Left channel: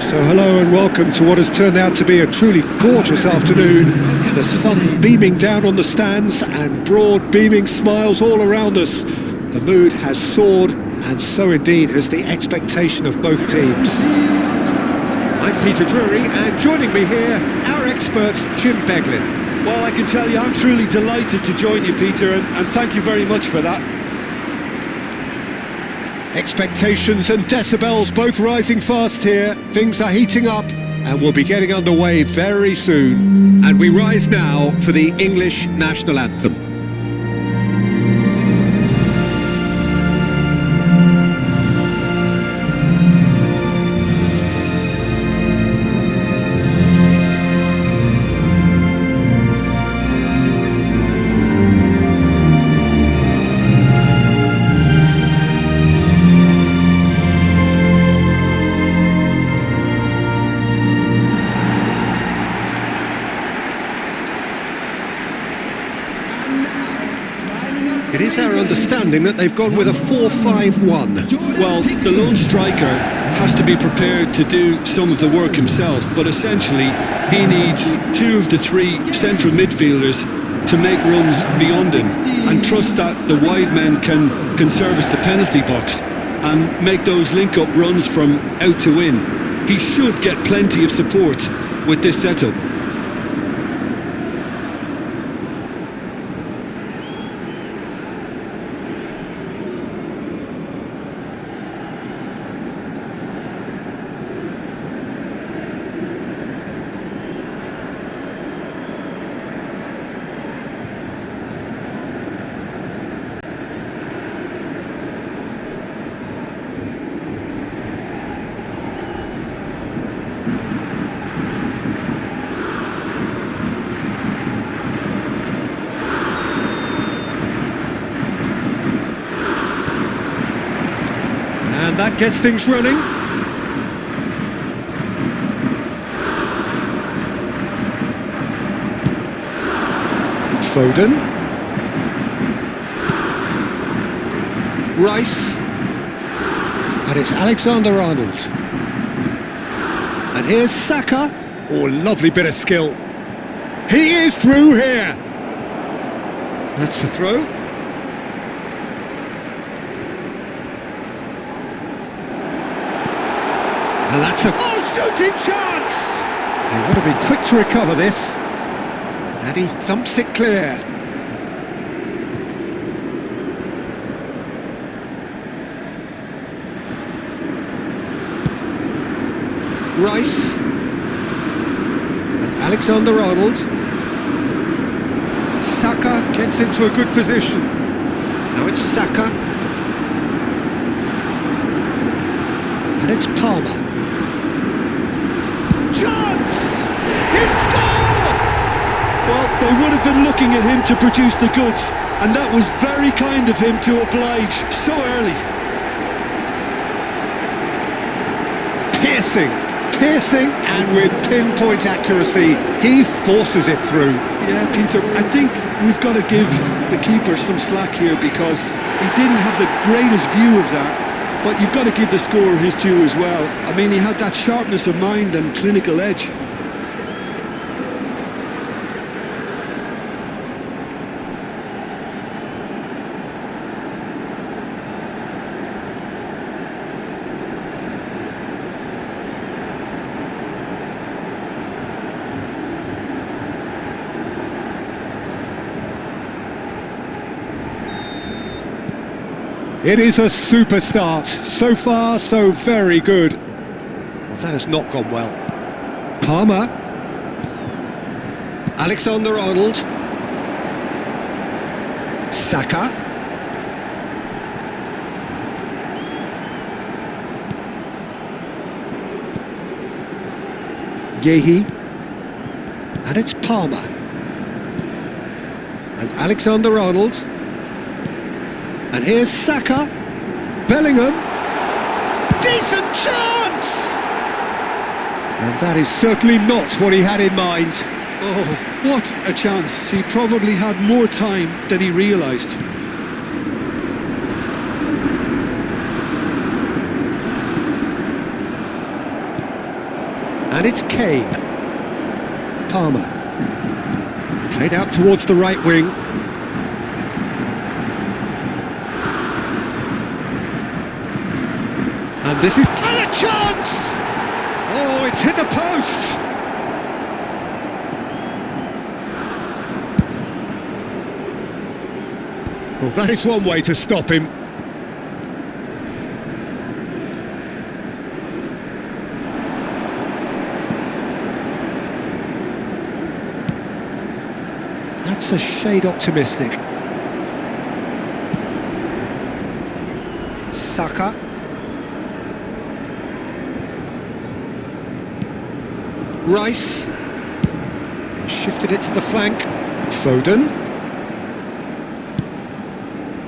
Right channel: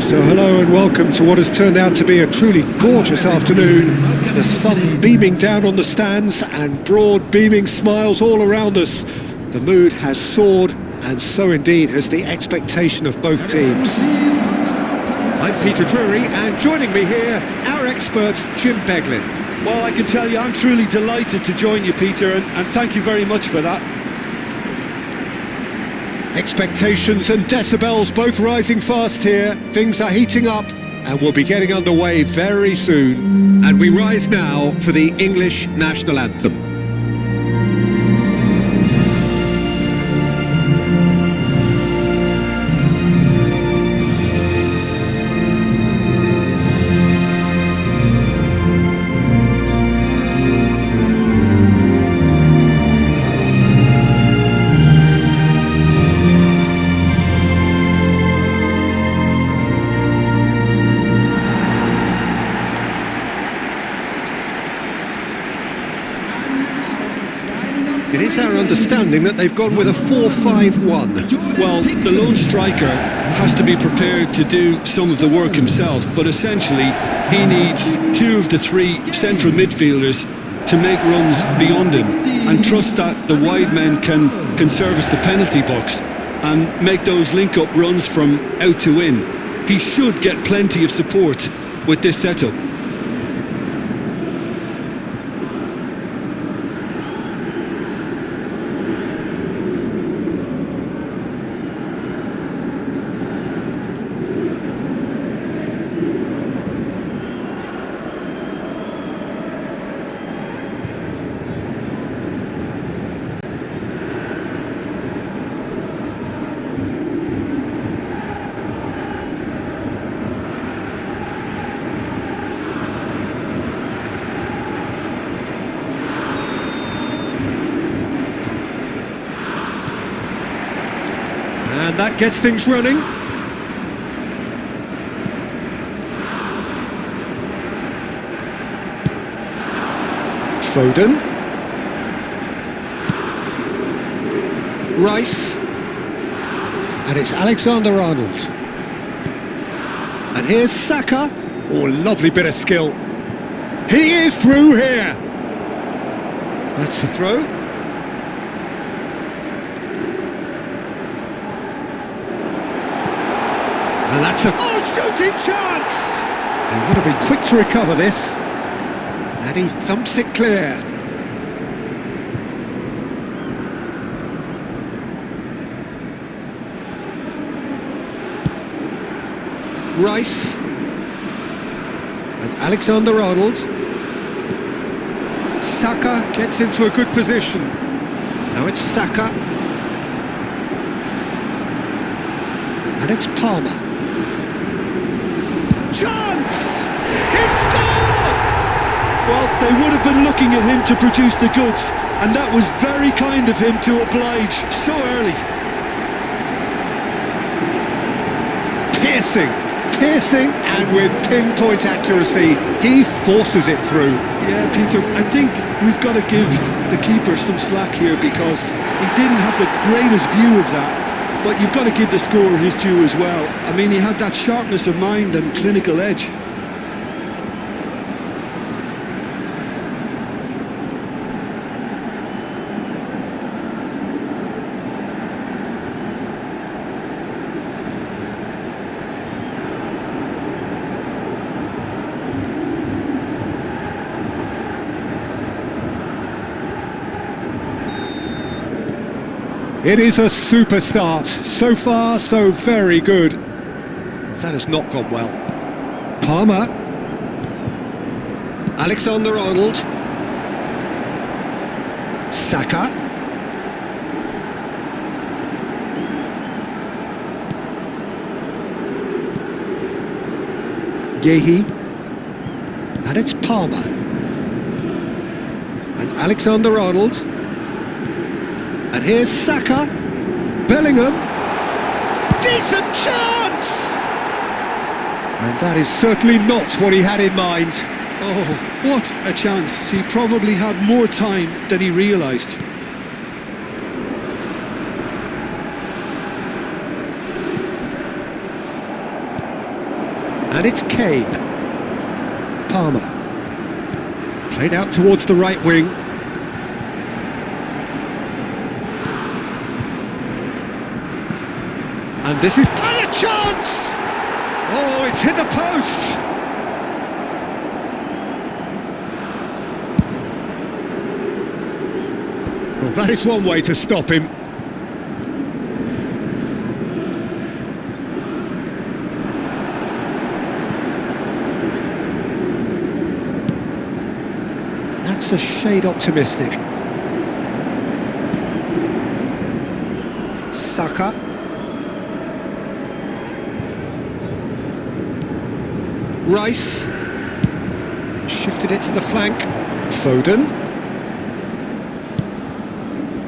So hello and welcome to what has turned out to be a truly gorgeous afternoon. The sun beaming down on the stands and broad beaming smiles all around us. The mood has soared, and so indeed has the expectation of both teams. I'm Peter Drury, and joining me here, our expert Jim Beglin. Well, I can tell you I'm truly delighted to join you, Peter, and thank you very much for that. Expectations and decibels both rising fast here. Things are heating up and we'll be getting underway very soon. And we rise now for the English national anthem. It is our understanding that they've gone with a 4-5-1. Well, the lone striker has to be prepared to do some of the work himself, but essentially he needs two of the three central midfielders to make runs beyond him and trust that the wide men can service the penalty box and make those link-up runs from out to in. He should get plenty of support with this setup. And that gets things running. Foden. Rice. And it's Alexander-Arnold. And here's Saka. Oh, lovely bit of skill. He is through here. That's the throw. And that's a shooting chance! They want to be quick to recover this. And he thumps it clear. Rice. And Alexander-Arnold. Saka gets into a good position. Now it's Saka. And it's Palmer. Chance! He's scored! Well, they would have been looking at him to produce the goods, and that was very kind of him to oblige so early. Piercing, and with pinpoint accuracy, he forces it through. Yeah, Peter, I think we've got to give the keeper some slack here because he didn't have the greatest view of that. But you've got to give the scorer his due as well. I mean, he had that sharpness of mind and clinical edge. It is a super start. So far, so very good. Well, that has not gone well. Palmer. Alexander-Arnold. Saka. Gehi. And it's Palmer. And Alexander-Arnold. And here's Saka. Bellingham. Decent chance! And that is certainly not what he had in mind. Oh, what a chance. He probably had more time than he realised. And it's Kane. Palmer. Played out towards the right wing. And this is... And a chance! Oh, it's hit the post! Well, that is one way to stop him. That's a shade optimistic. Saka. Rice. And shifted it to the flank. Foden.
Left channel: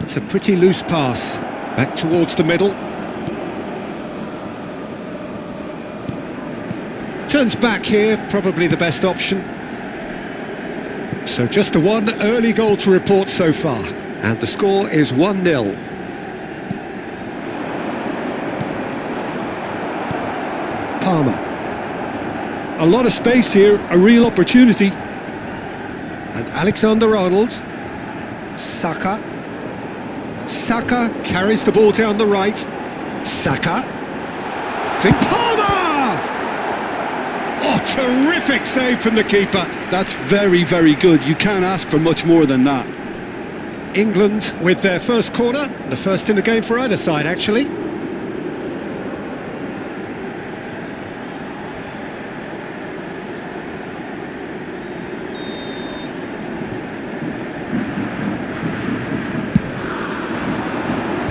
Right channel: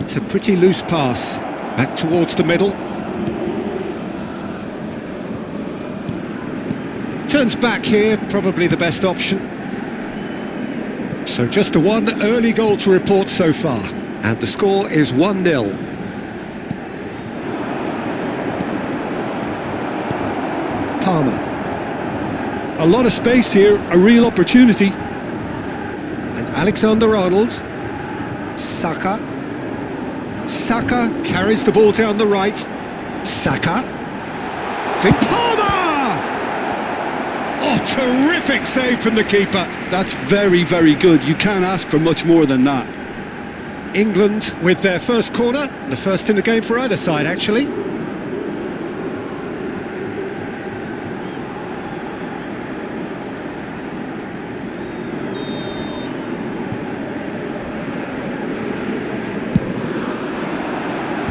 It's a pretty loose pass. Back towards the middle. Turns back here, probably the best option. So just the one early goal to report so far. And the score is 1-0. Palmer. A lot of space here, a real opportunity. And Alexander-Arnold. Saka. Saka carries the ball down the right. Saka. Palmer! Oh, terrific save from the keeper. That's very, very good. You can't ask for much more than that. England with their first corner. The first in the game for either side, actually.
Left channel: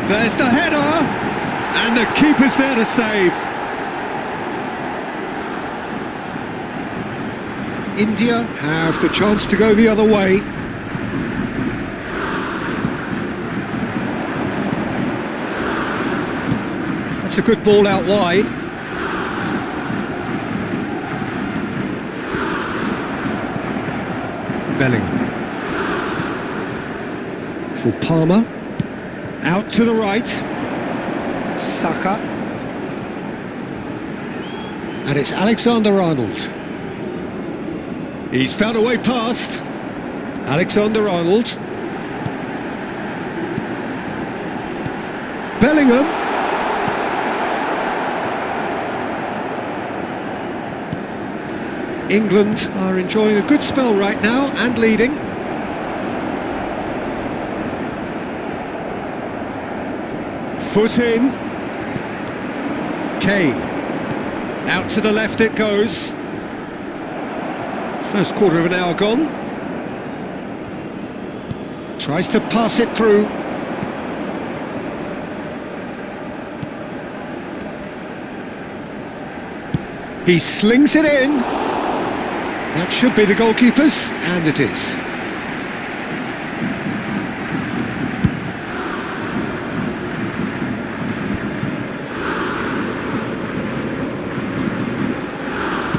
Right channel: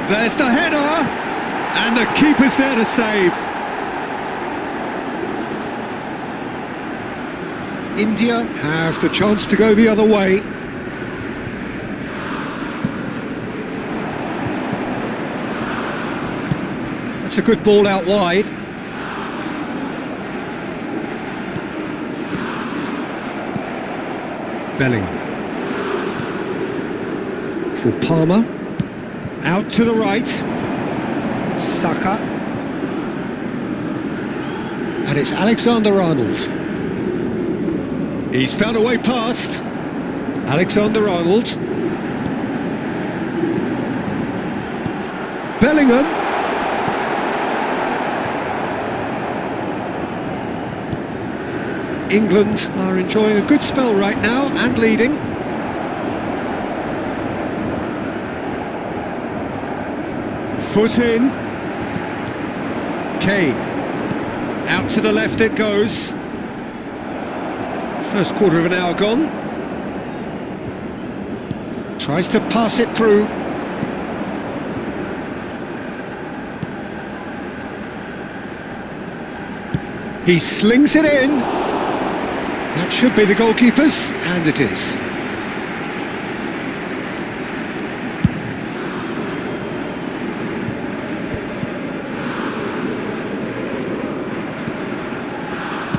There's the header, and the keeper's there to save. India have the chance to go the other way. That's a good ball out wide. Bellingham. For Palmer. Out to the right. Saka. And it's Alexander-Arnold. He's found a way past. Alexander-Arnold. Bellingham. England are enjoying a good spell right now and leading. Foot in. Kane. Out to the left it goes. First quarter of an hour gone. Tries to pass it through. He slings it in. That should be the goalkeeper's, and it is.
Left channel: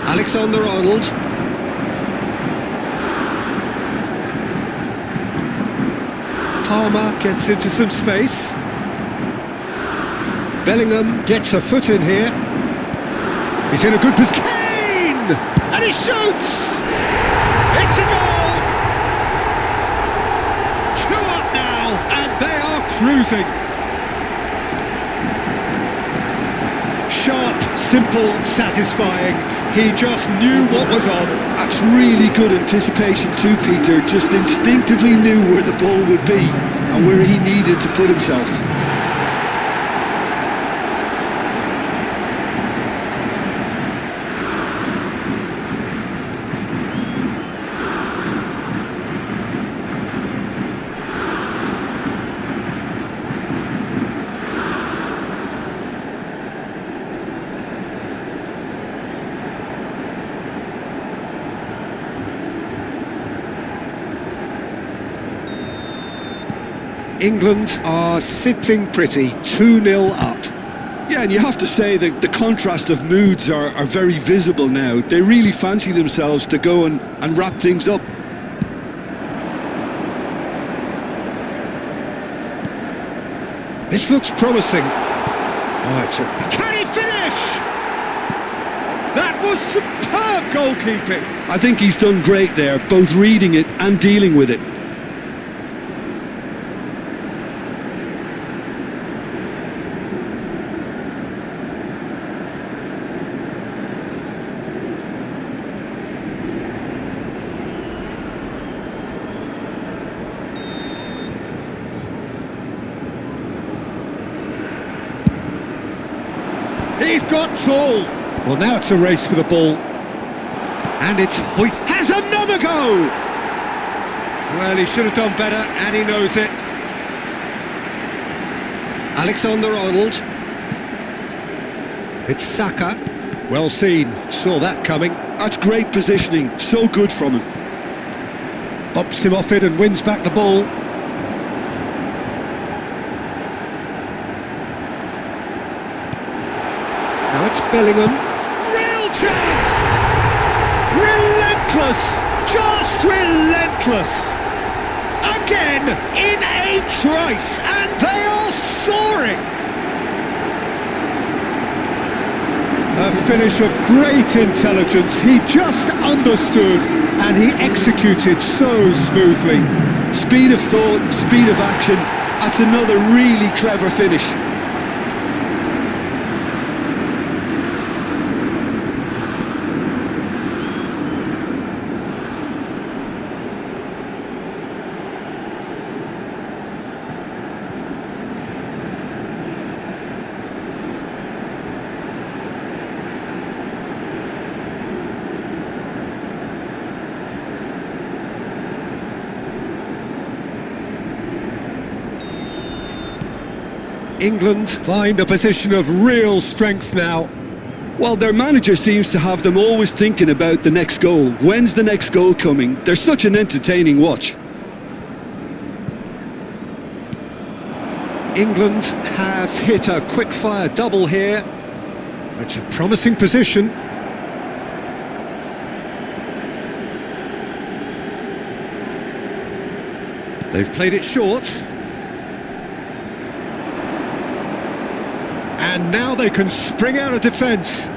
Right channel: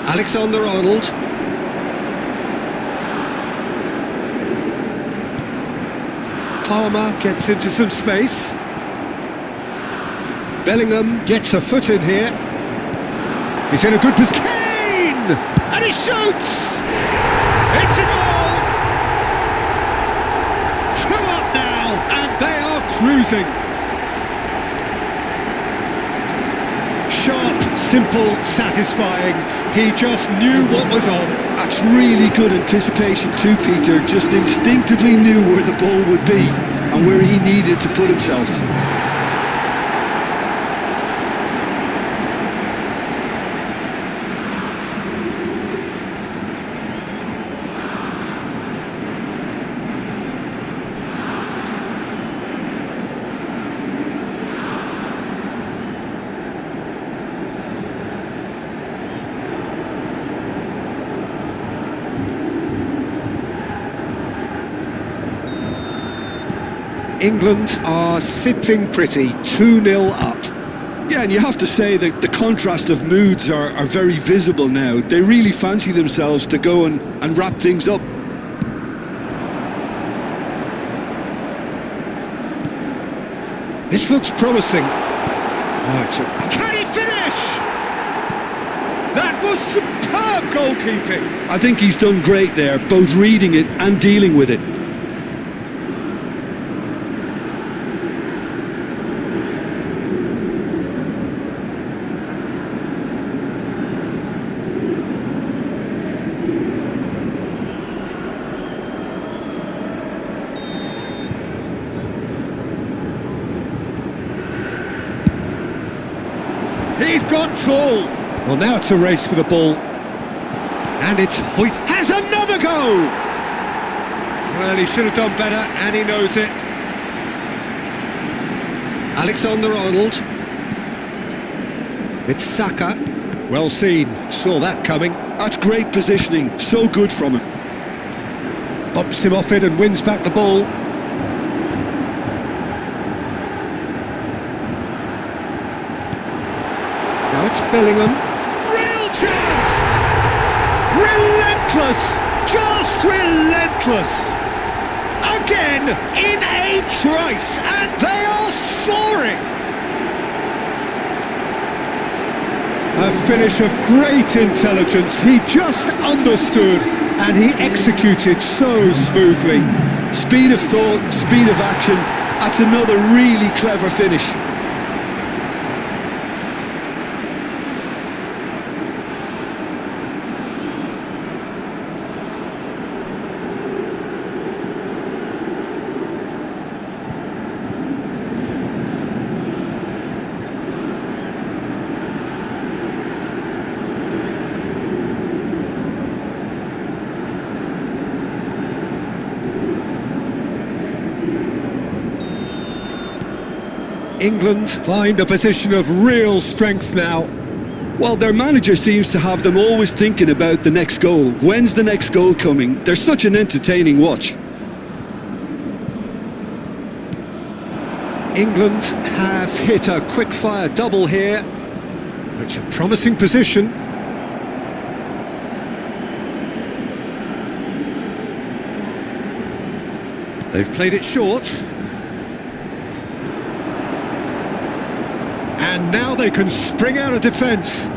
Alexander-Arnold. Palmer gets into some space. Bellingham gets a foot in here. He's in a good position. Kane! And he shoots! It's a goal! 2 up now, and they are cruising. Sharp, simple, satisfying. He just knew what was on. That's really good anticipation too, Peter. Just instinctively knew where the ball would be and where he needed to put himself. England are sitting pretty, 2-0 up. Yeah, and you have to say that the contrast of moods are very visible now. They really fancy themselves to go and wrap things up. This looks promising. Oh, it's a... Can he finish? That was superb goalkeeping. I think he's done great there, both reading it and dealing with it. He's got tall. Well, now it's a race for the ball. And it's hoist. Has another go! Well, he should have done better, and he knows it. Alexander-Arnold. It's Saka. Well seen. Saw that coming. That's great positioning. So good from him. Bops him off it and wins back the ball. Now it's Bellingham. Real chance! Relentless! Just relentless! Again, in a trice, and they are soaring! A finish of great intelligence. He just understood, and he executed so smoothly. Speed of thought, speed of action. That's another really clever finish. England find a position of real strength now. Well, their manager seems to have them always thinking about the next goal. When's the next goal coming? They're such an entertaining watch. England have hit a quick-fire double here. It's a promising position. They've played it short. And now they can spring out of defence.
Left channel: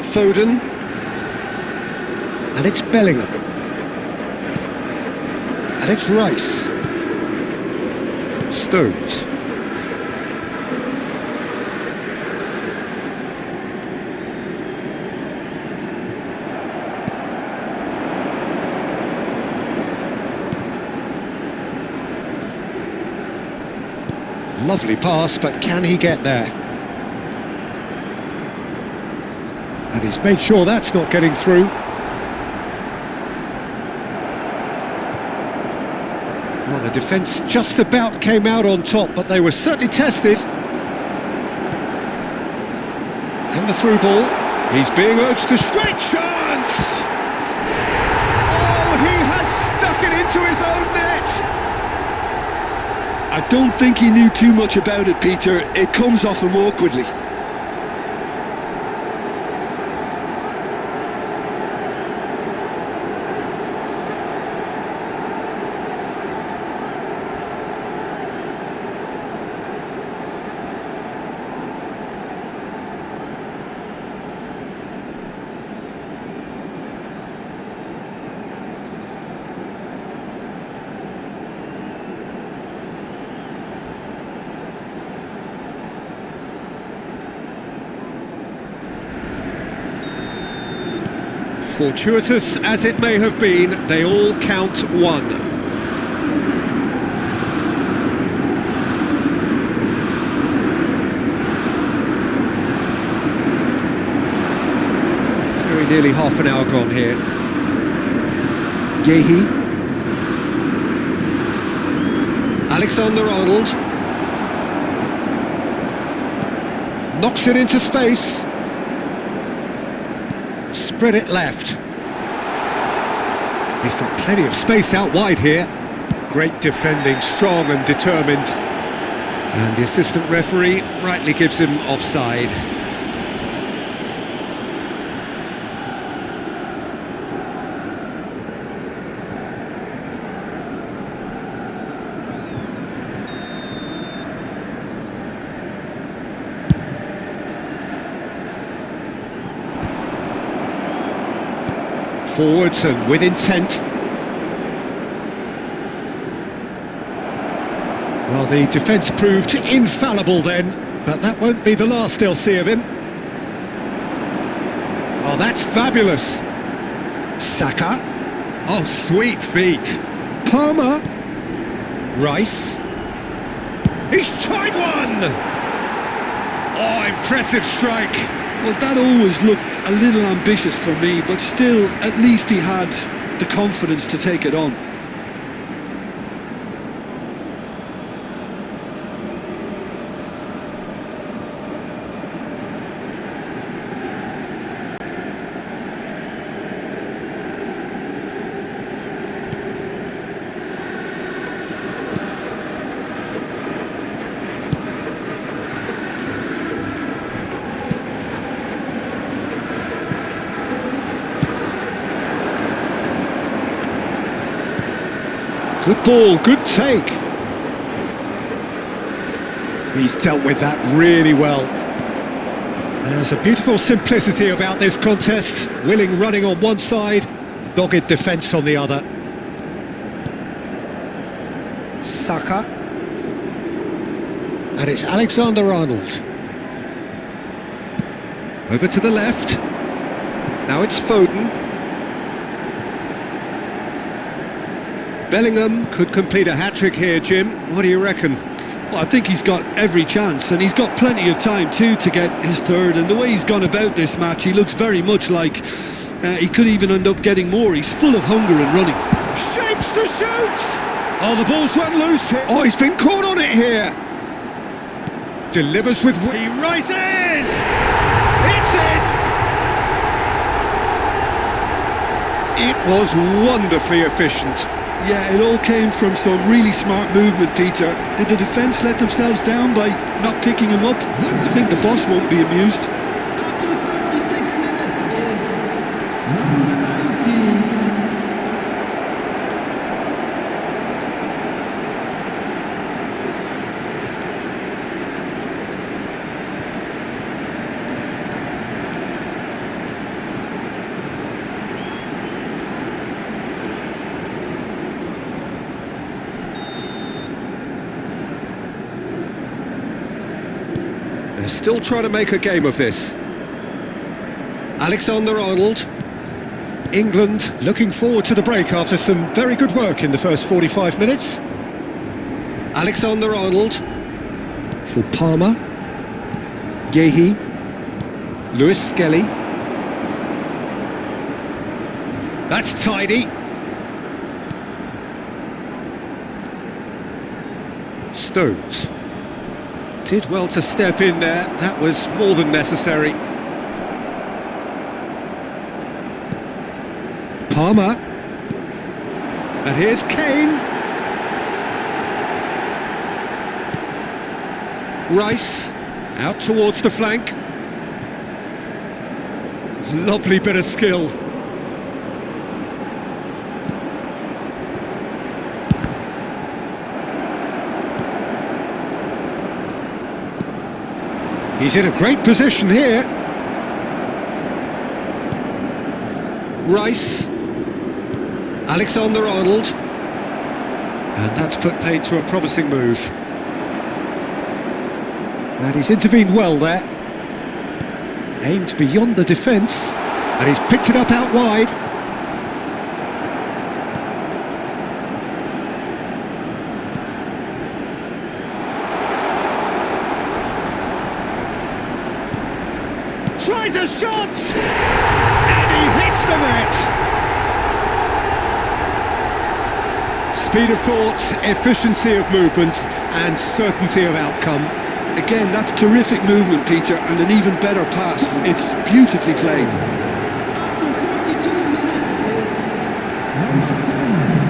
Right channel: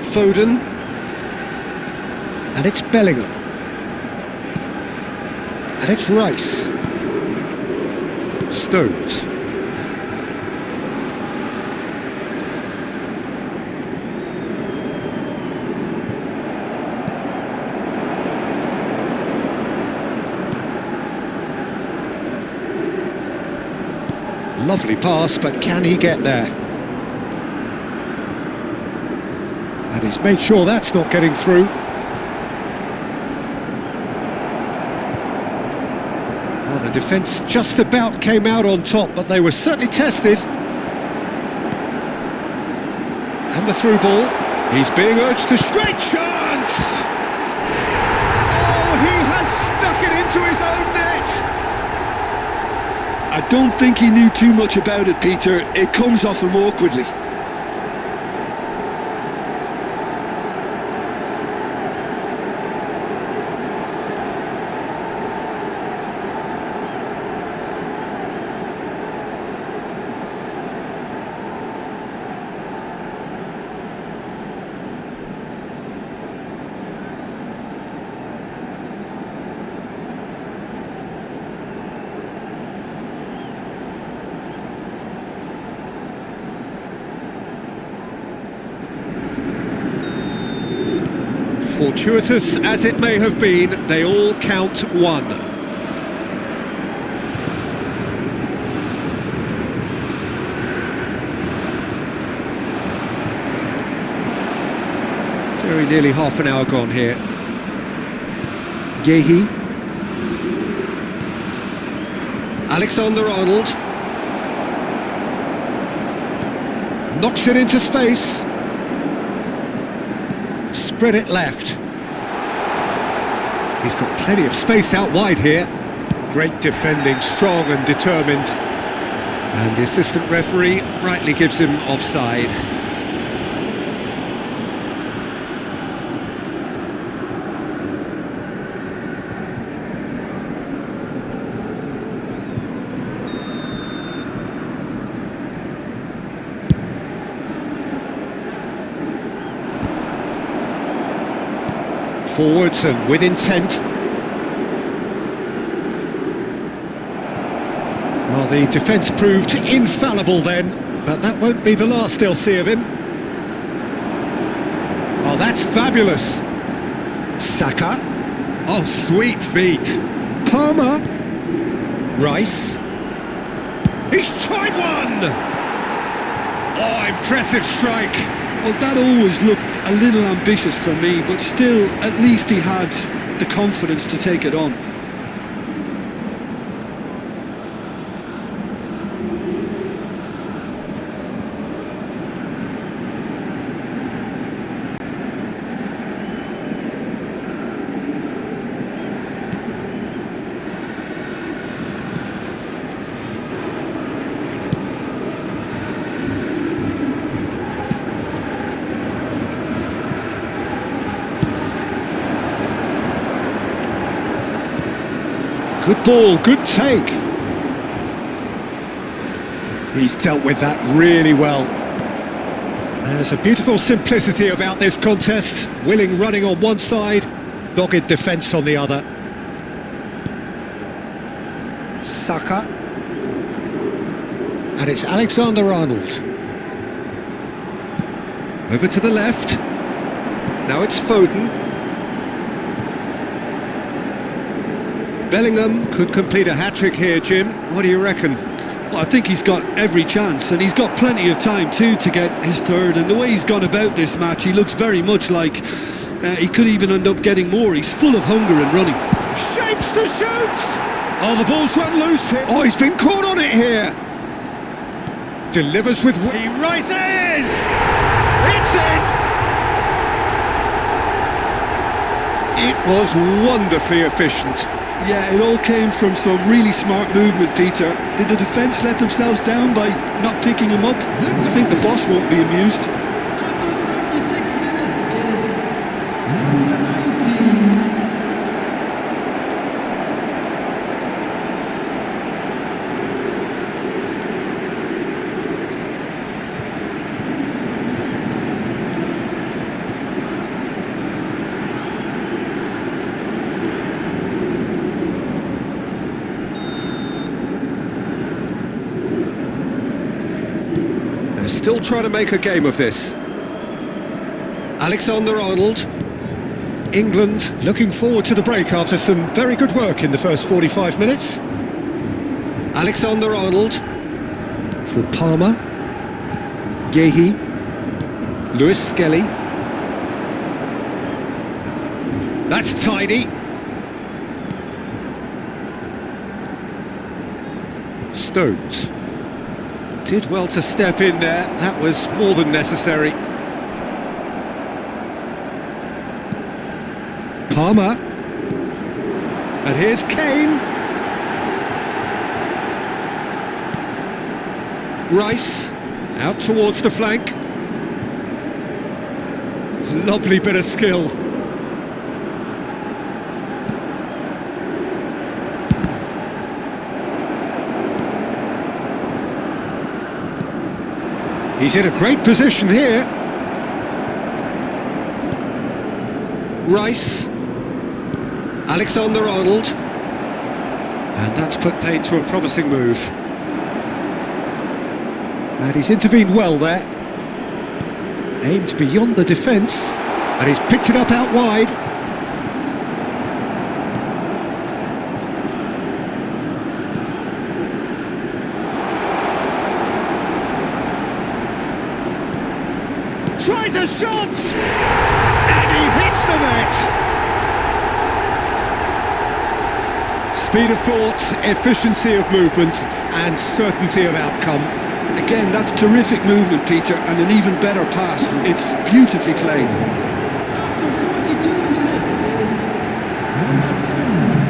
Foden. And it's Bellingham. And it's Rice. Stones. Lovely pass, but can he get there? And he's made sure that's not getting through. Well, the defence just about came out on top, but they were certainly tested. And the through ball. He's being urged to straight chance! Oh, he has stuck it into his own net! I don't think he knew too much about it, Peter. It comes off him awkwardly. Fortuitous as it may have been, they all count one. Very nearly half an hour gone here. Gehi. Alexander-Arnold. Knocks it into space. Spread it left. He's got plenty of space out wide here. Great defending, strong and determined. And the assistant referee rightly gives him offside. Forwards and with intent. Well, the defence proved infallible then, but that won't be the last they'll see of him. Oh, that's fabulous. Saka. Oh, sweet feet. Palmer. Rice. He's tried one! Oh, impressive strike. Well, that always looked a little ambitious for me, but still, at least he had the confidence to take it on. Good ball, good take. He's dealt with that really well. There's a beautiful simplicity about this contest. Willing running on one side, dogged defence on the other. Saka. And it's Alexander-Arnold. Over to the left. Now it's Foden. Bellingham could complete a hat-trick here, Jim. What do you reckon? Well, I think he's got every chance, and he's got plenty of time too to get his third. And the way he's gone about this match, he looks very much like he could even end up getting more. He's full of hunger and running. Shapes to shoot! Oh, the ball's run loose here. Oh, he's been caught on it here. Delivers with... He rises! It's in! It was wonderfully efficient. Yeah, it all came from some really smart movement, Peter. Did the defence let themselves down by not picking him up? I think the boss won't be amused. After 36 minutes is number 19. They're still trying to make a game of this. Alexander-Arnold. England looking forward to the break after some very good work in the first 45 minutes. Alexander-Arnold. For Palmer. Gehi. Lewis Skelly. That's tidy. Stones. Did well to step in there, that was more than necessary. Palmer. And here's Kane. Rice, out towards the flank. Lovely bit of skill. He's in a great position here. Rice. Alexander-Arnold. And that's put paid to a promising move. And he's intervened well there. Aimed beyond the defence. And he's picked it up out wide. Tries a shot! And he hits the net! Speed of thought, efficiency of movement, and certainty of outcome. Again, that's terrific movement, Peter, and an even better pass. It's beautifully played. After 42 minutes is number 10.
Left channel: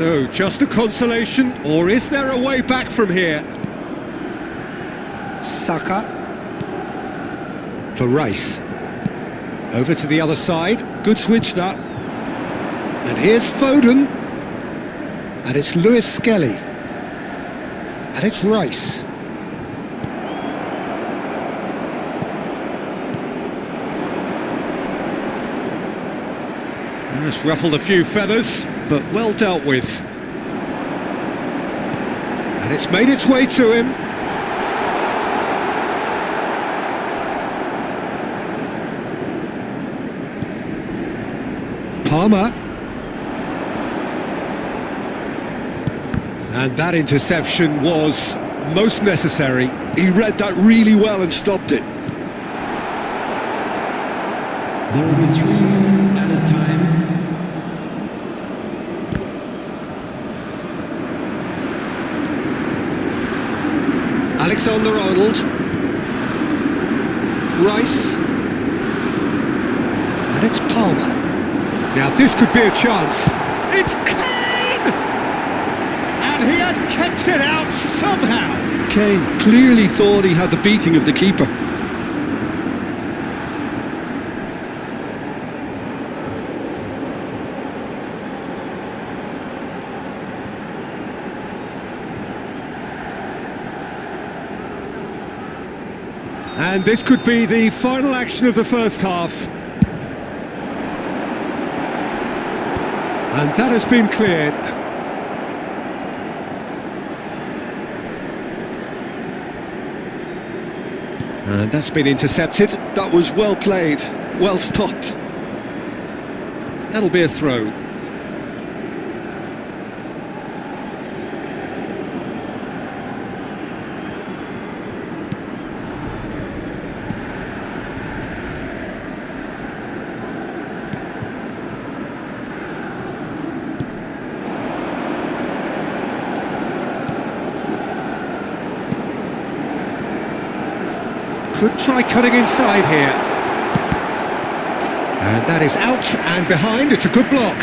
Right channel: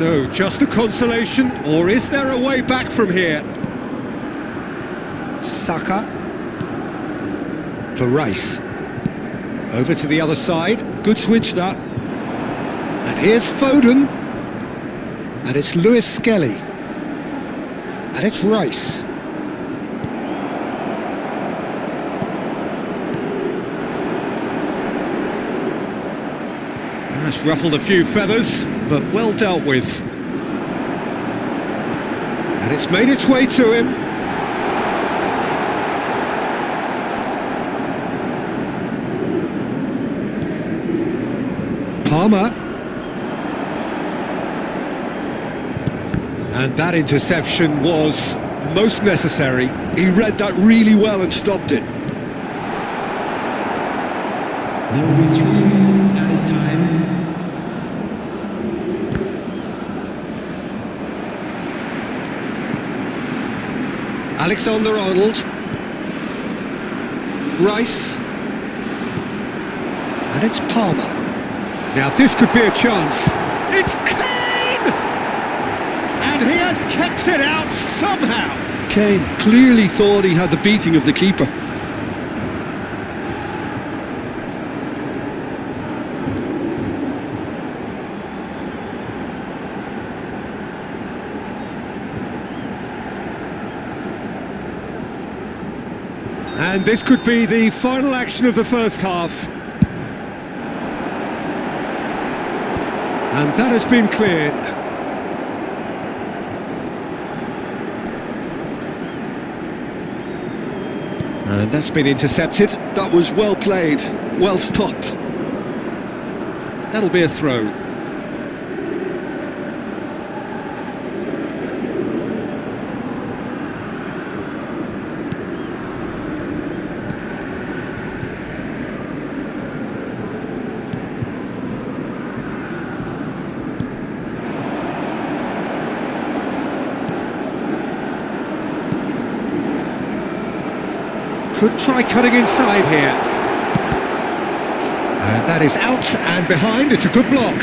So, just a consolation, or is there a way back from here? Saka. For Rice. Over to the other side. Good switch, that. And here's Foden. And it's Lewis Skelly. And it's Rice. It's ruffled a few feathers, but well dealt with. And it's made its way to him. Palmer. And that interception was most necessary. He read that really well and stopped it. There will be 3 minutes at a time. Alexander-Arnold. Rice. And it's Palmer. Now this could be a chance. It's Kane! And he has kept it out somehow. Kane clearly thought he had the beating of the keeper. And this could be the final action of the first half. And that has been cleared. And that's been intercepted. That was well played, well stopped. That'll be a throw. Could try cutting inside here. And that is out and behind. It's a good block.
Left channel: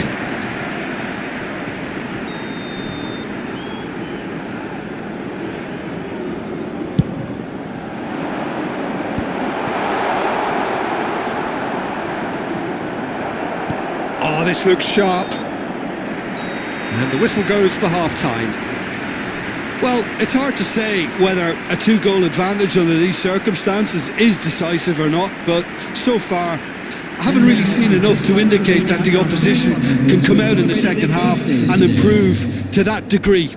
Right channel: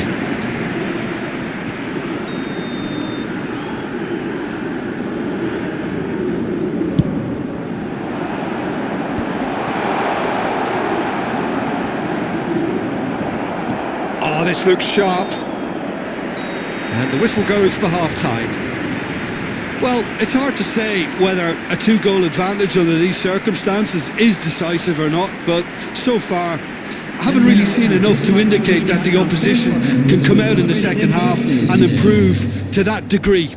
Oh, this looks sharp. And the whistle goes for half-time. Well, it's hard to say whether a 2-goal advantage under these circumstances is decisive or not, but so far I haven't really seen enough to indicate that the opposition can come out in the second half and improve to that degree.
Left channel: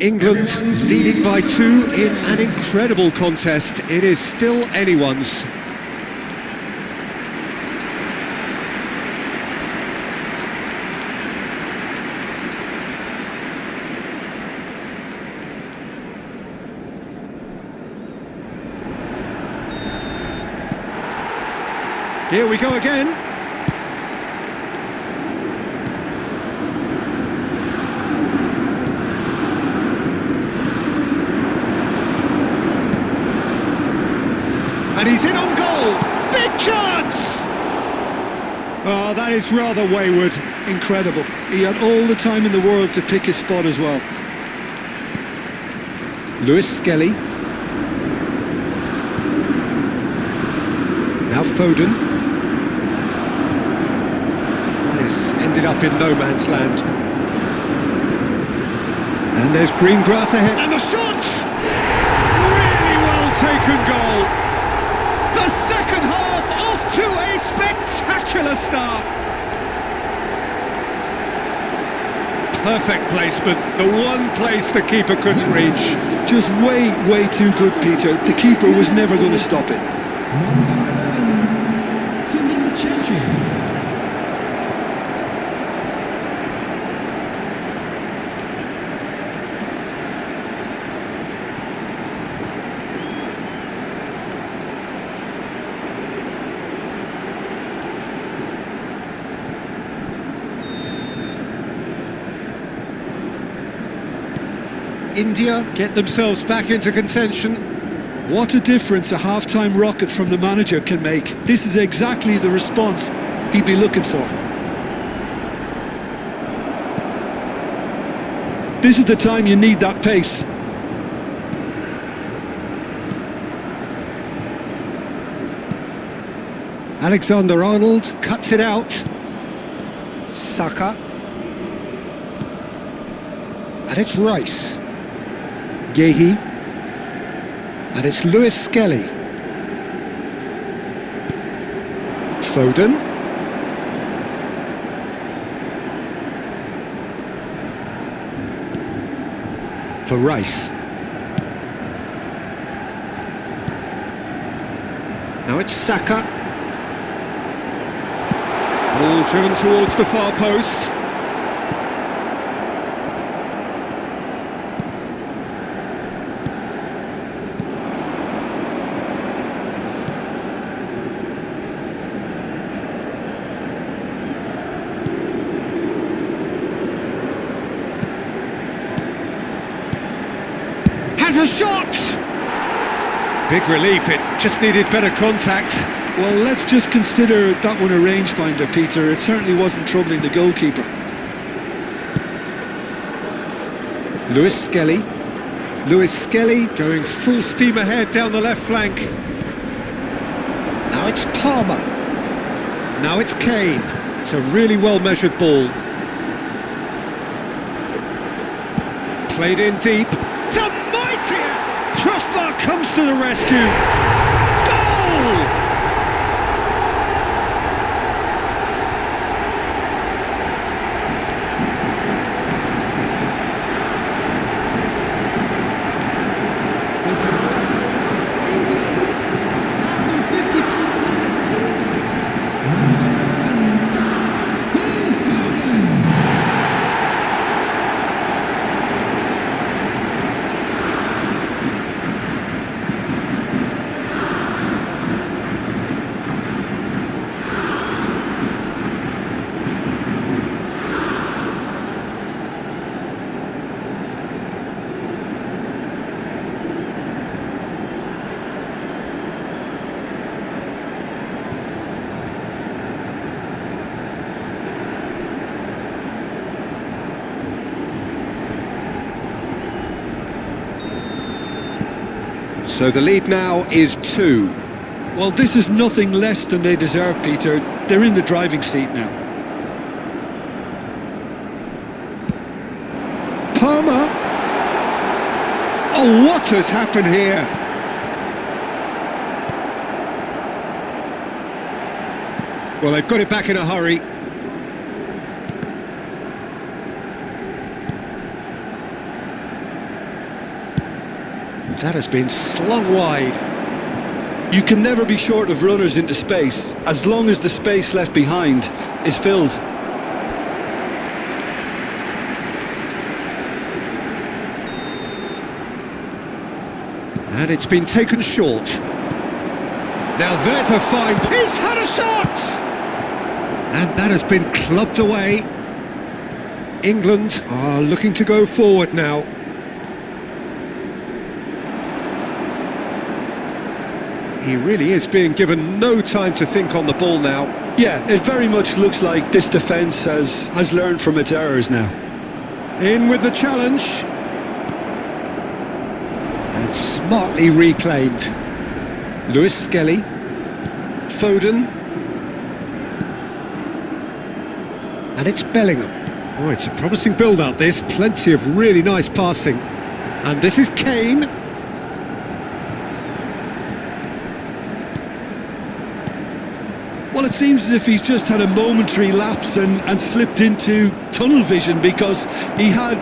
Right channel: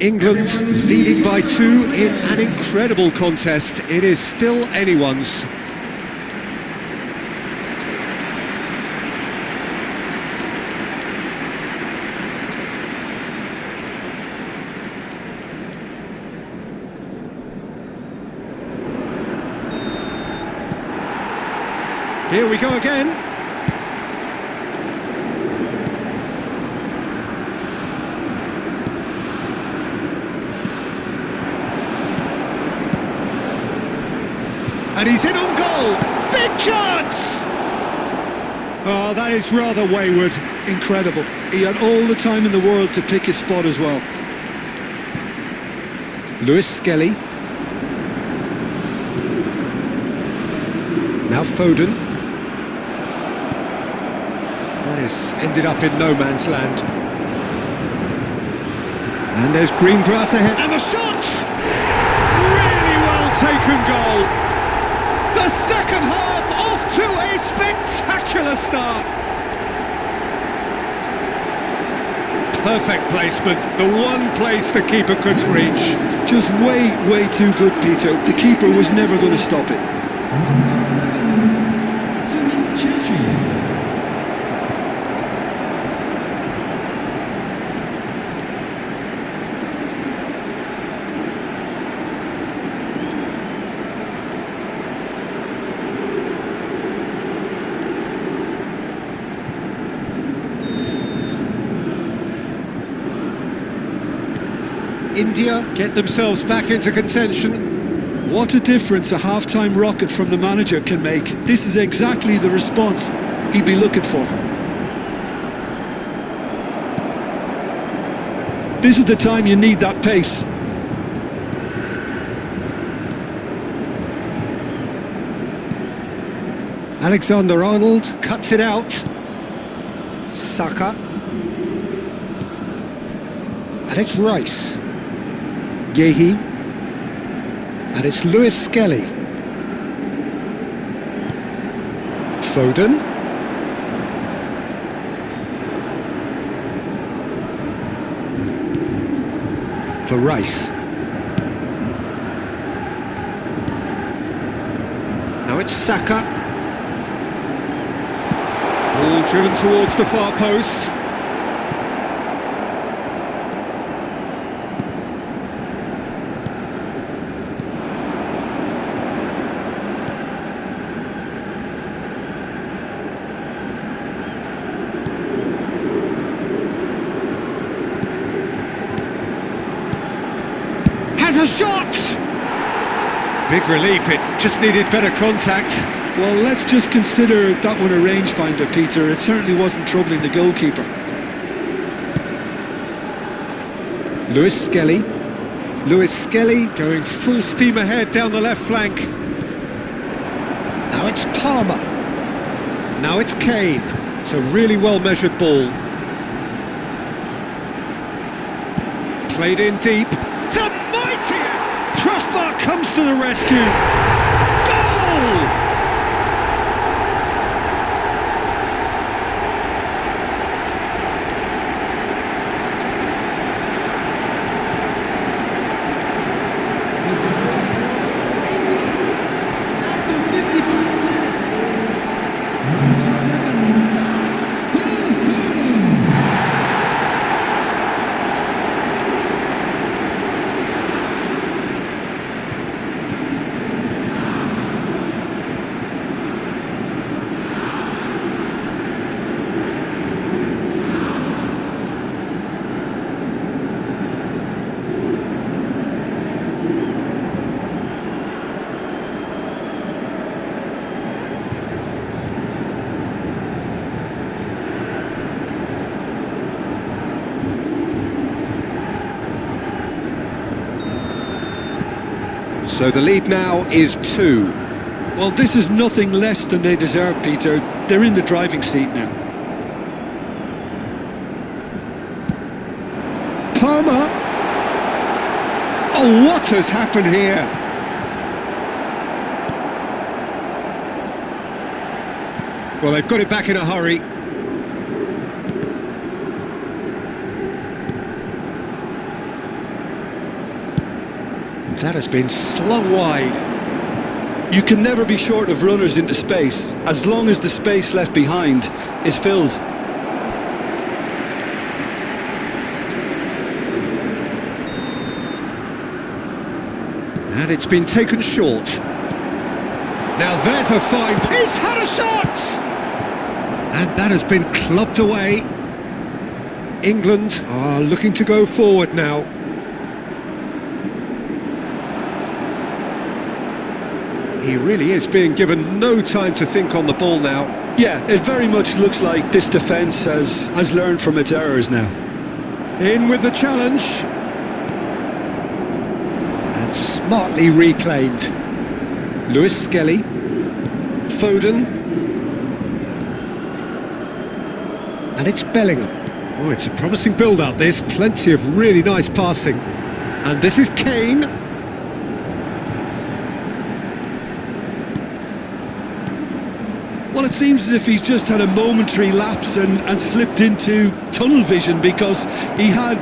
England leading by 2 in an incredible contest. It is still anyone's. Here we go again. And he's in on goal. Big chance! Oh, that is rather wayward. Incredible. He had all the time in the world to pick his spot as well. Lewis Skelly. Now Foden. That is ended up in no man's land. And there's green grass ahead. And the shot! Really well taken goal. The second half off to a spectacular start. Perfect placement. The one place the keeper couldn't reach. Just way too good, Peter. The keeper was never going to stop it. Number 11, Sunil Chetri. India get themselves back into contention. What a difference a half-time rocket from the manager can make. This is exactly the response he'd be looking for. This is the time you need that pace. Alexander-Arnold cuts it out. Saka. And it's Rice. Gehi. And it's Lewis Skelly. Foden. For Rice. Now it's Saka. Ball driven towards the far post. Has a shot! Big relief, it just needed better contact. Well, let's just consider that one a rangefinder, Peter. It certainly wasn't troubling the goalkeeper. Lewis Skelly. Lewis Skelly going full steam ahead down the left flank. Now it's Palmer. Now it's Kane. It's a really well-measured ball. Played in deep. It's a mighty effort! Crossbar comes to the rescue. Goal! The goal scorer for England after 54 minutes is number 11, Phil Foden. So the lead now is 2. Well, this is nothing less than they deserve, Peter. They're in the driving seat now. Palmer. Oh, what has happened here? Well, they've got it back in a hurry. That has been slung wide. You can never be short of runners into space, as long as the space left behind is filled. And it's been taken short. Now there's a fine... He's had a shot! And that has been clubbed away. England are looking to go forward now. He really is being given no time to think on the ball now. Yeah, it very much looks like this defence has learned from its errors now. In with the challenge. And smartly reclaimed. Lewis Skelly. Foden. And it's Bellingham. Oh, it's a promising build-up, this. Plenty of really nice passing. And this is Kane. Well, it seems as if he's just had a momentary lapse and slipped into tunnel vision, because he had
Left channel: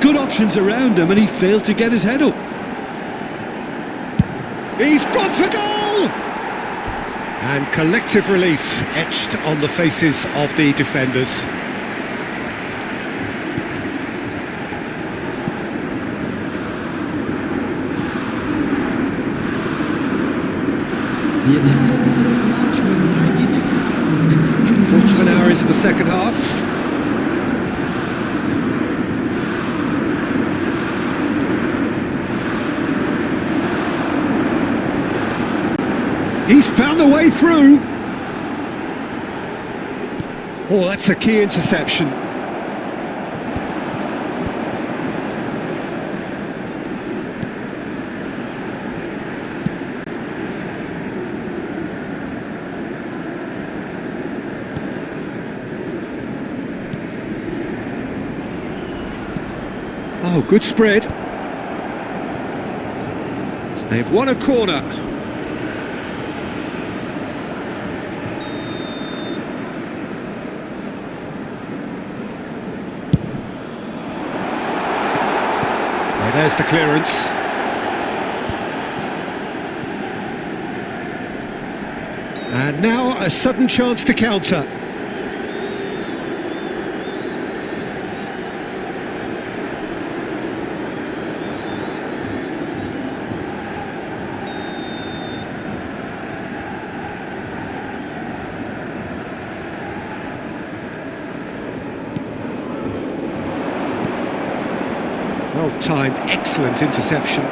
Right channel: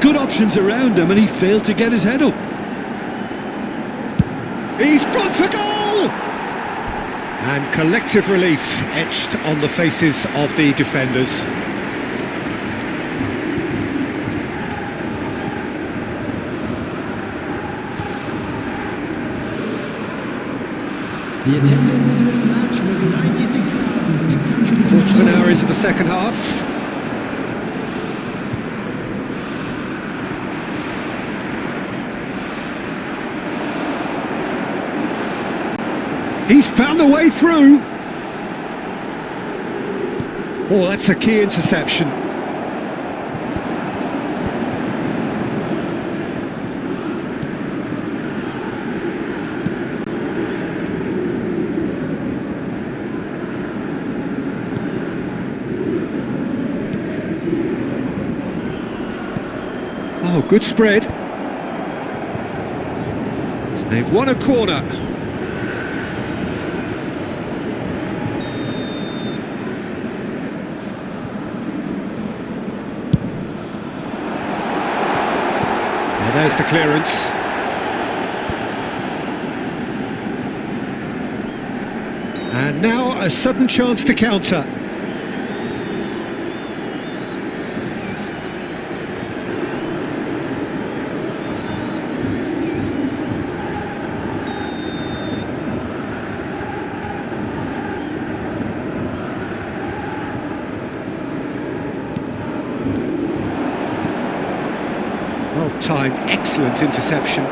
good options around him and he failed to get his head up. He's gone for goal! And collective relief etched on the faces of the defenders. The attendance for this match was 96,600. Quarter of an hour into the second half. He's found a way through. Oh, that's a key interception. Oh, good spread. They've won a corner. Well, there's the clearance. And now a sudden chance to counter. Well timed, excellent interception.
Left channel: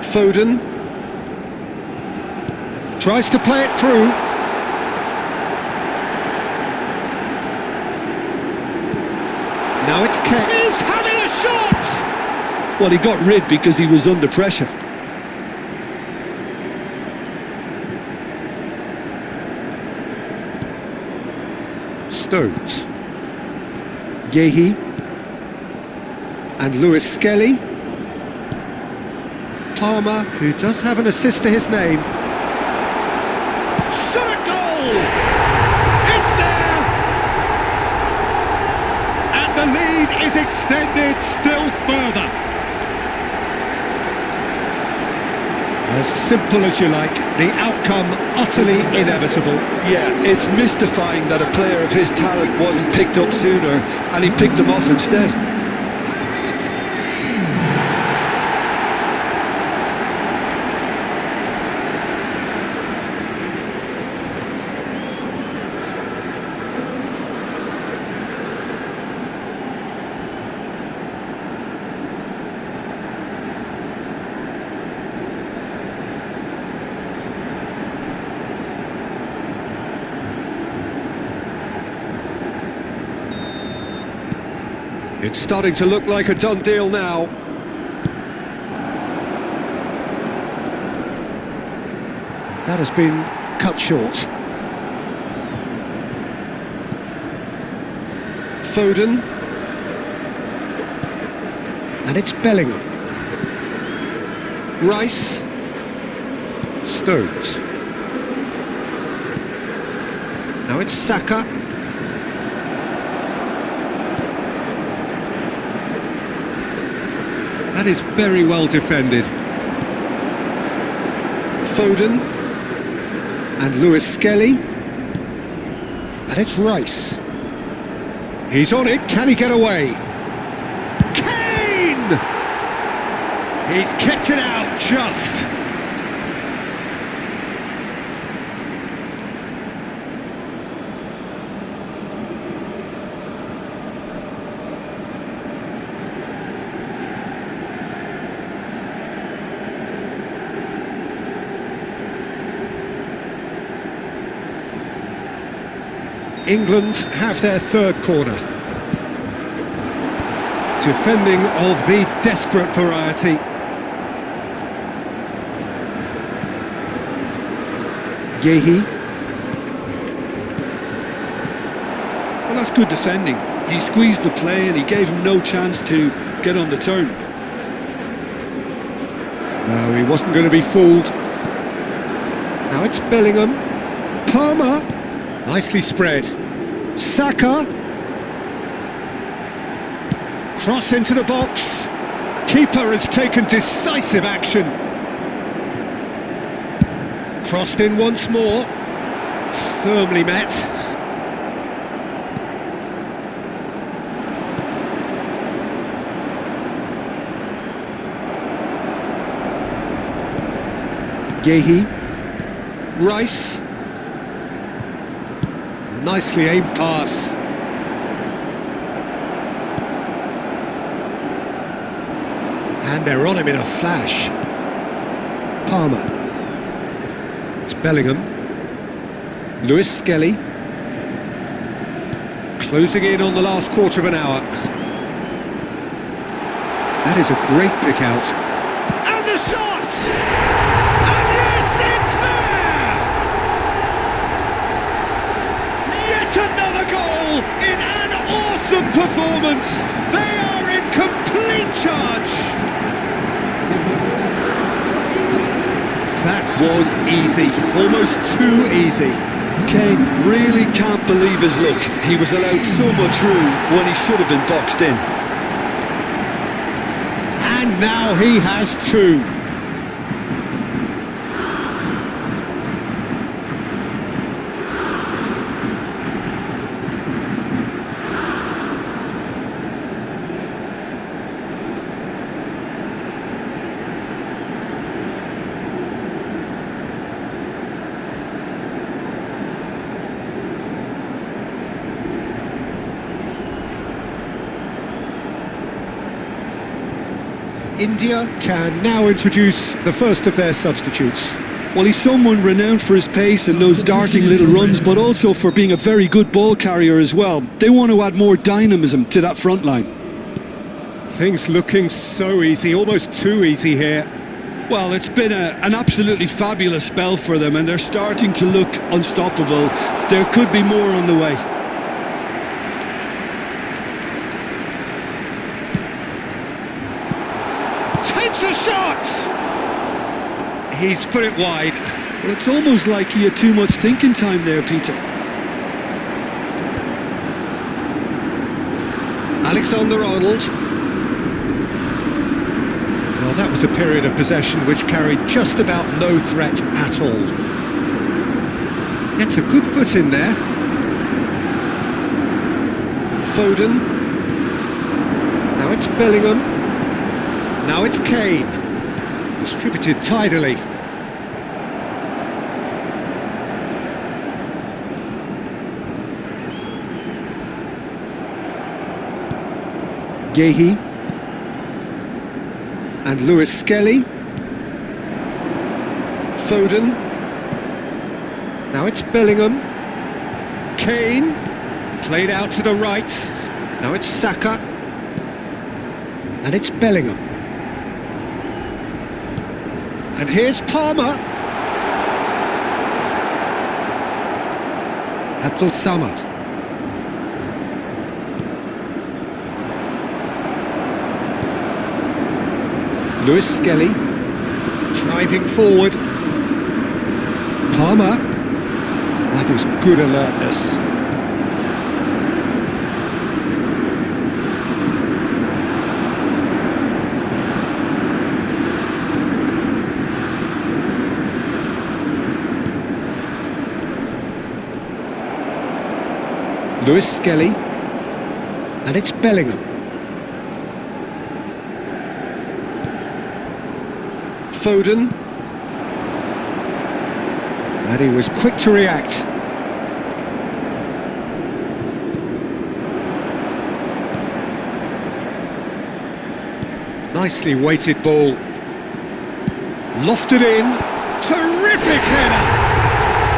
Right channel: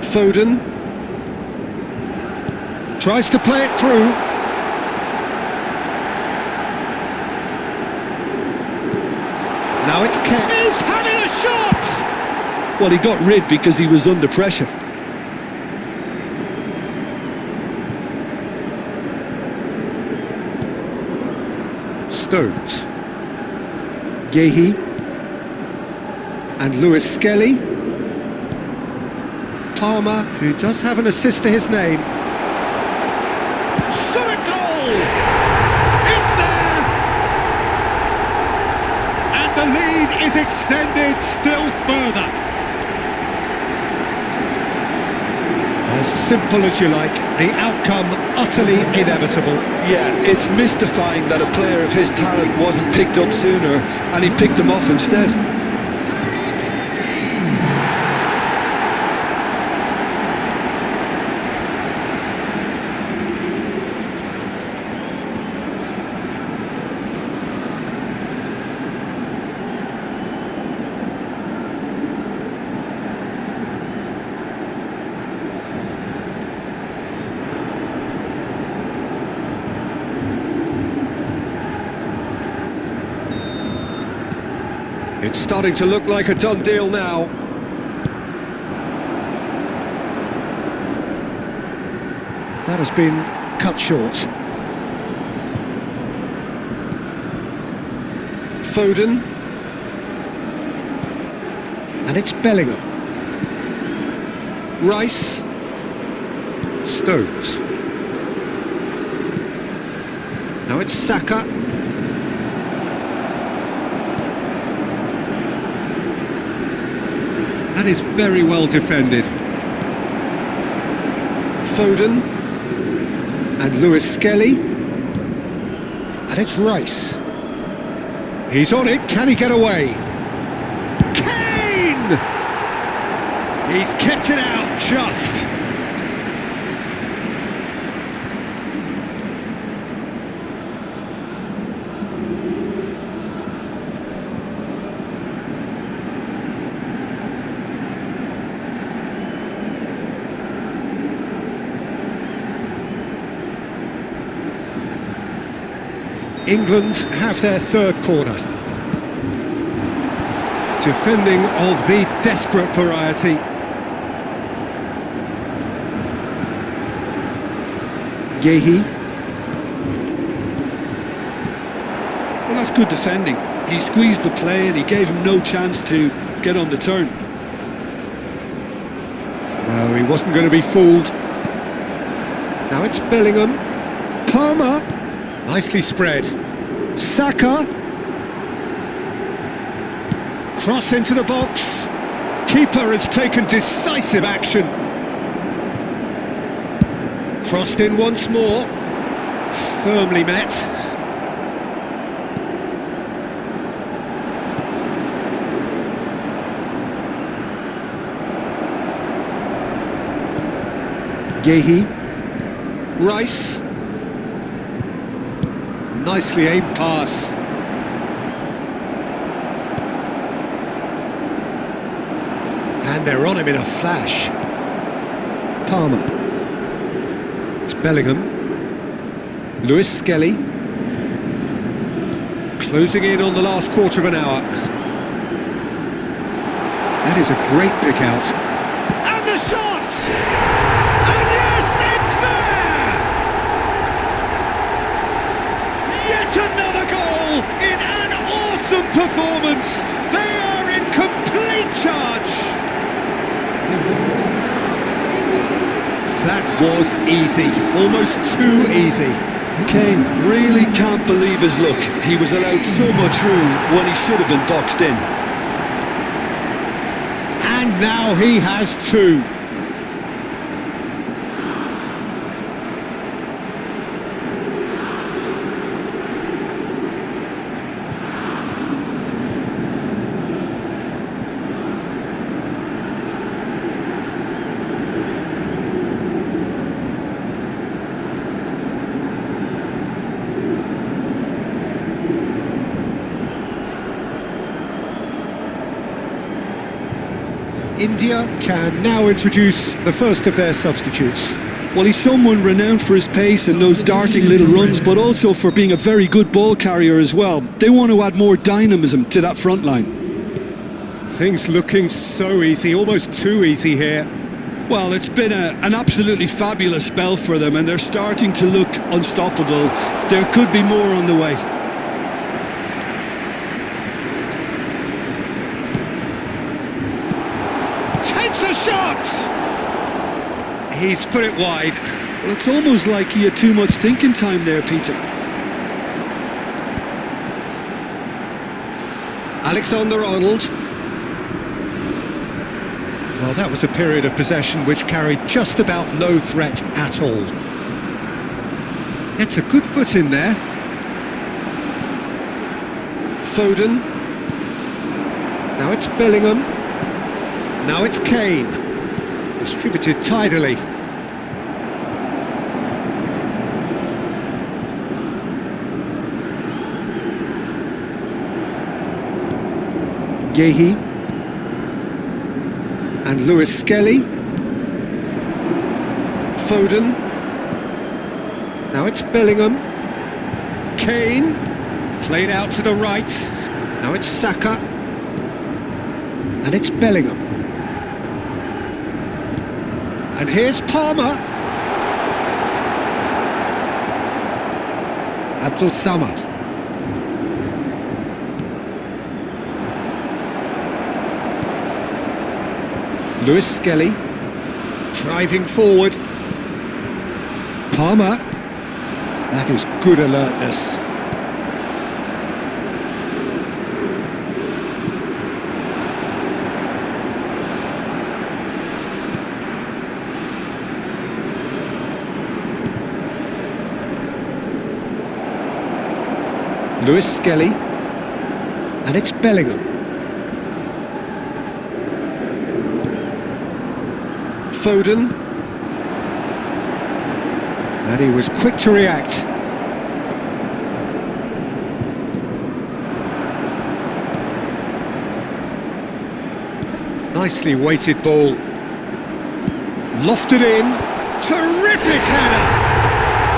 Foden tries to play it through. Now it's Kane. He's having a shot! Well, he got rid because he was under pressure. Stones. Gehi and Lewis Skelly. Palmer, who does have an assist to his name. Shot at goal! It's there! And the lead is extended still further. As simple as you like, the outcome utterly inevitable. Yeah, it's mystifying that a player of his talent wasn't picked up sooner, and he picked them off instead. It's starting to look like a done deal now. That has been cut short. Foden. And it's Bellingham. Rice. Stones. Now it's Saka. That is very well defended. Foden and Lewis Skelly. And it's Rice. He's on it, can he get away? Kane! He's kept it out just. England have their third corner. Defending of the desperate variety. Gehi. Well, that's good defending. He squeezed the play and he gave him no chance to get on the turn. No, he wasn't going to be fooled. Now it's Bellingham. Palmer. Nicely spread. Saka. Cross into the box. Keeper has taken decisive action. Crossed in once more. Firmly met. Gehi. Rice. Nicely aimed pass. And they're on him in a flash. Palmer. It's Bellingham. Lewis Skelly. Closing in on the last quarter of an hour. That is a great pick out. And the shot! And yes, it's there! Yes, Yet another goal in an awesome performance. They are in complete charge. The goal scorer for England. That was easy, almost too easy. Kane really can't believe his luck. He was allowed so much room when he should have been boxed in. And now he has two. India can now introduce the first of their substitutes. Well, he's someone renowned for his pace and those darting little runs, but also for being a very good ball carrier as well. They want to add more dynamism to that front line. Things looking so easy, almost too easy here. Well, it's been an absolutely fabulous spell for them, and they're starting to look unstoppable. There could be more on the way. Takes a shot! He's put it wide. Well, it's almost like he had too much thinking time there, Peter. Alexander-Arnold. Well, that was a period of possession which carried just about no threat at all. Gets a good foot in there. Foden. Now it's Bellingham. Now it's Kane. Distributed tidily. Gehi. And Lewis Skelly. Foden. Now it's Bellingham. Kane. Played out to the right. Now it's Saka. And it's Bellingham. And here's Palmer. Abdul Samad. Lewis Skelly. Driving forward. Palmer. That is good alertness. Lewis Skelly, and it's Bellingham. Foden, and he was quick to react. Nicely weighted ball. Lofted in, terrific header!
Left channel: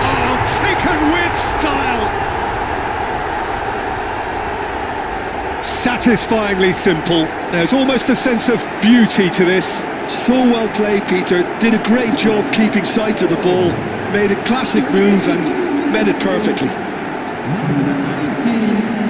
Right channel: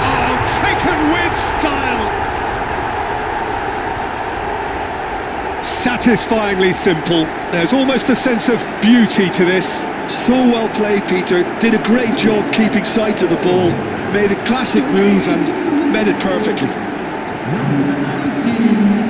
Oh, taken with style! Satisfyingly simple. There's almost a sense of beauty to this. So well played, Peter. Did a great job keeping sight of the ball. Made a classic move and met it perfectly. Number 19.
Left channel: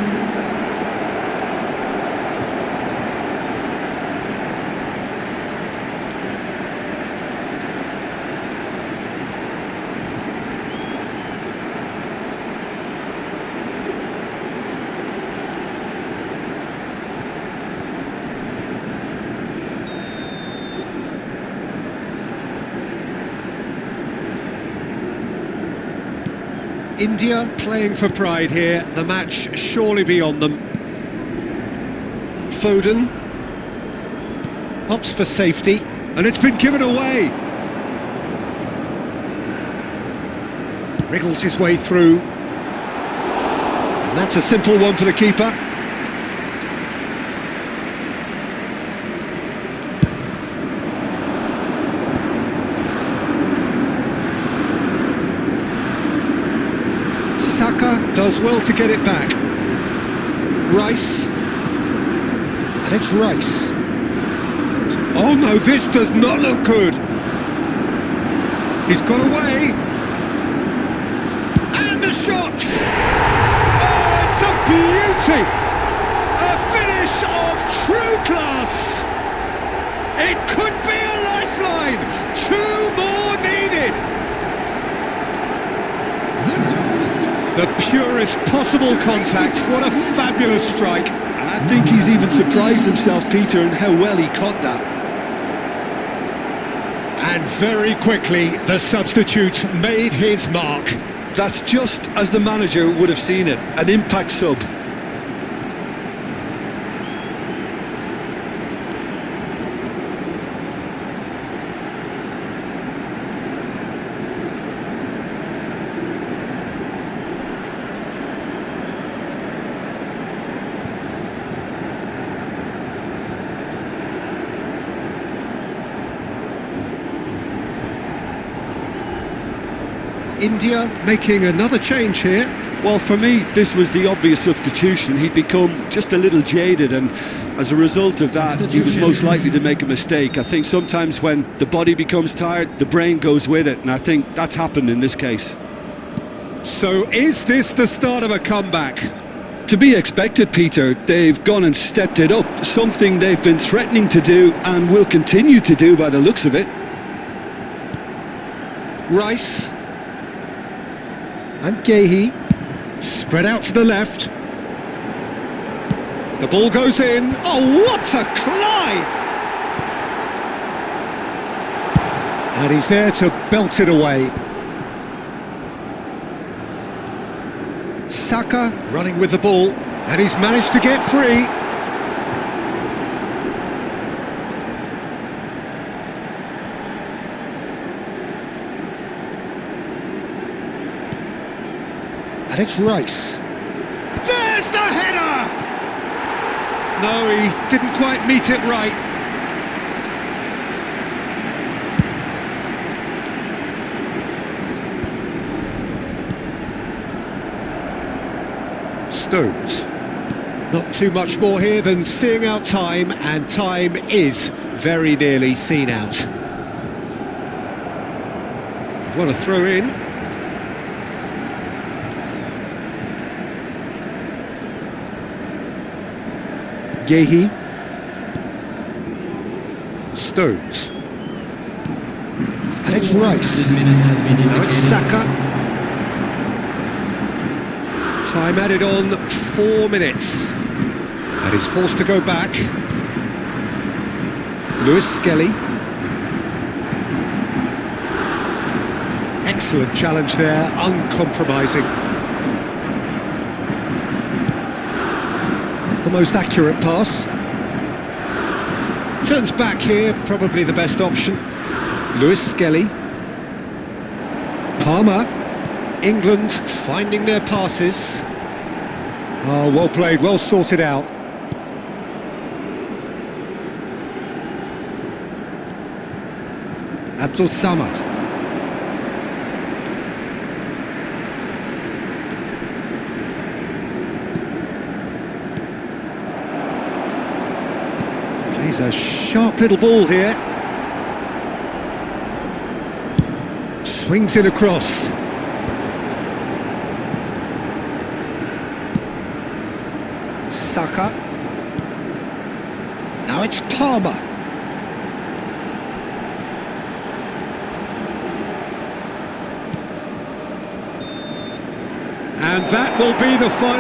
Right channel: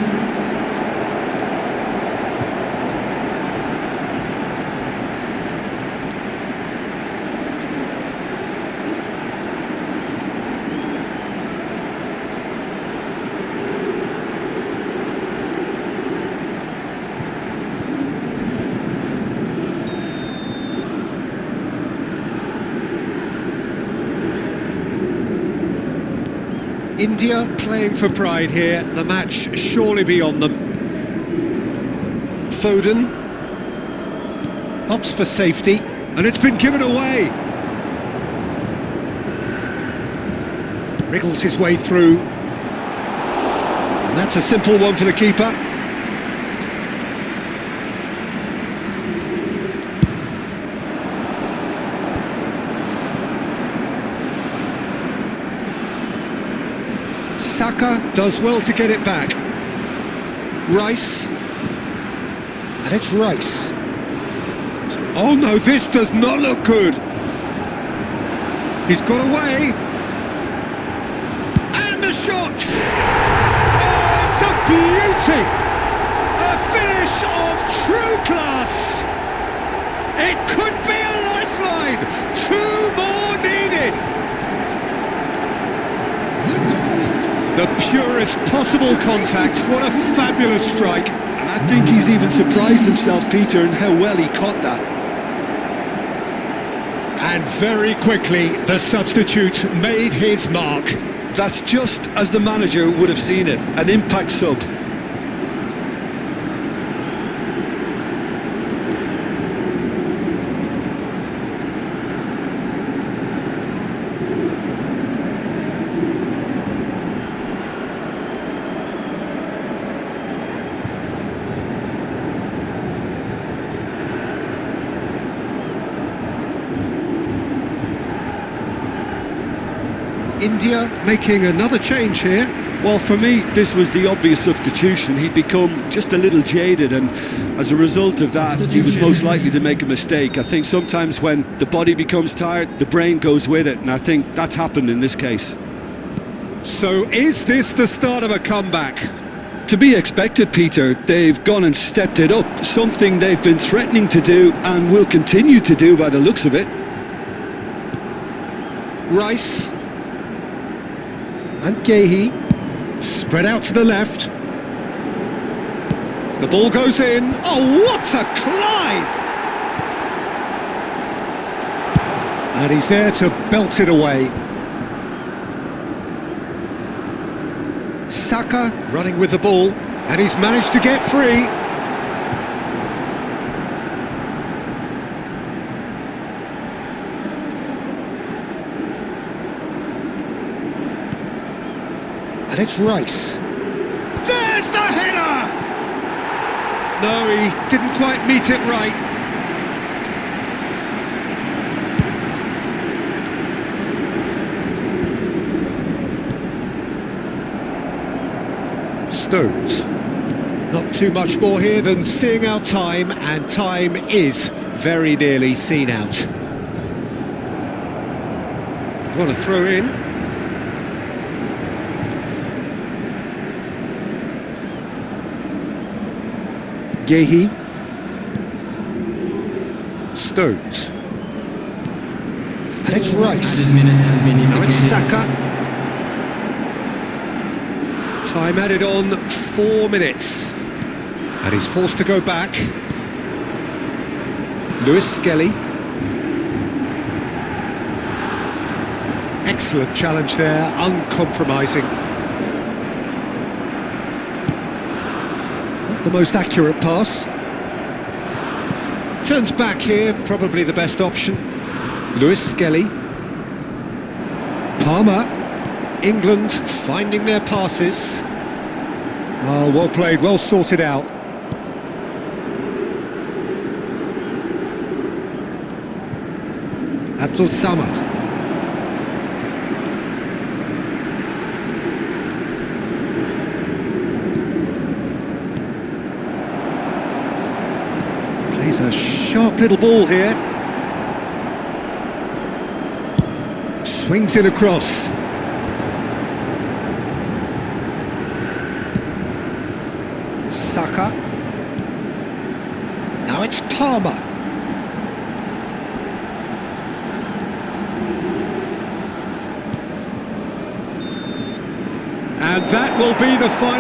India playing for pride here. The match surely beyond them. Foden opts for safety, and it's been given away. Wriggles his way through, and that's a simple one for the keeper. Saka does well to get it back. Rice. And it's Rice. Oh no, this does not look good. He's got away. And the shot! It's a beauty! A finish of true class! It could be a lifeline! 2 more needed! The goal scorer. The purest possible contact, what a fabulous strike! And I think he's even surprised himself, Peter, in how well he caught that. And very quickly, the substitute made his mark. That's just as the manager would have seen it, an impact sub. India making another change here. Well, for me, this was the obvious substitution. He'd become just a little jaded, and as a result of that, he was most likely to make a mistake. I think sometimes when the body becomes tired, the brain goes with it, and I think that's happened in this case. So is this the start of a comeback? To be expected, Peter. They've gone and stepped it up, something they've been threatening to do and will continue to do by the looks of it. Rice. And Gehi. Spread out to the left. The ball goes in. Oh, what a climb! And he's there to belt it away. Saka running with the ball, and he's managed to get free. And it's Rice. There's the header! No, he didn't quite meet it right. Stones. Not too much more here than seeing out time, and time is very nearly seen out. We've got to throw in. Gehi. Stones. And it's Rice. Added minutes has been indicated. Now it's Saka. Time added on 4 minutes. And he's forced to go back. Lewis Skelly. Excellent challenge there, uncompromising. Not the most accurate pass. Turns back here, probably the best option. Lewis Skelly. Palmer. England finding their passes. Oh, well played, well sorted out. Abdul Samad. Plays a sharp little ball here. Swings it across. Saka. Now it's Palmer. And that will be the final.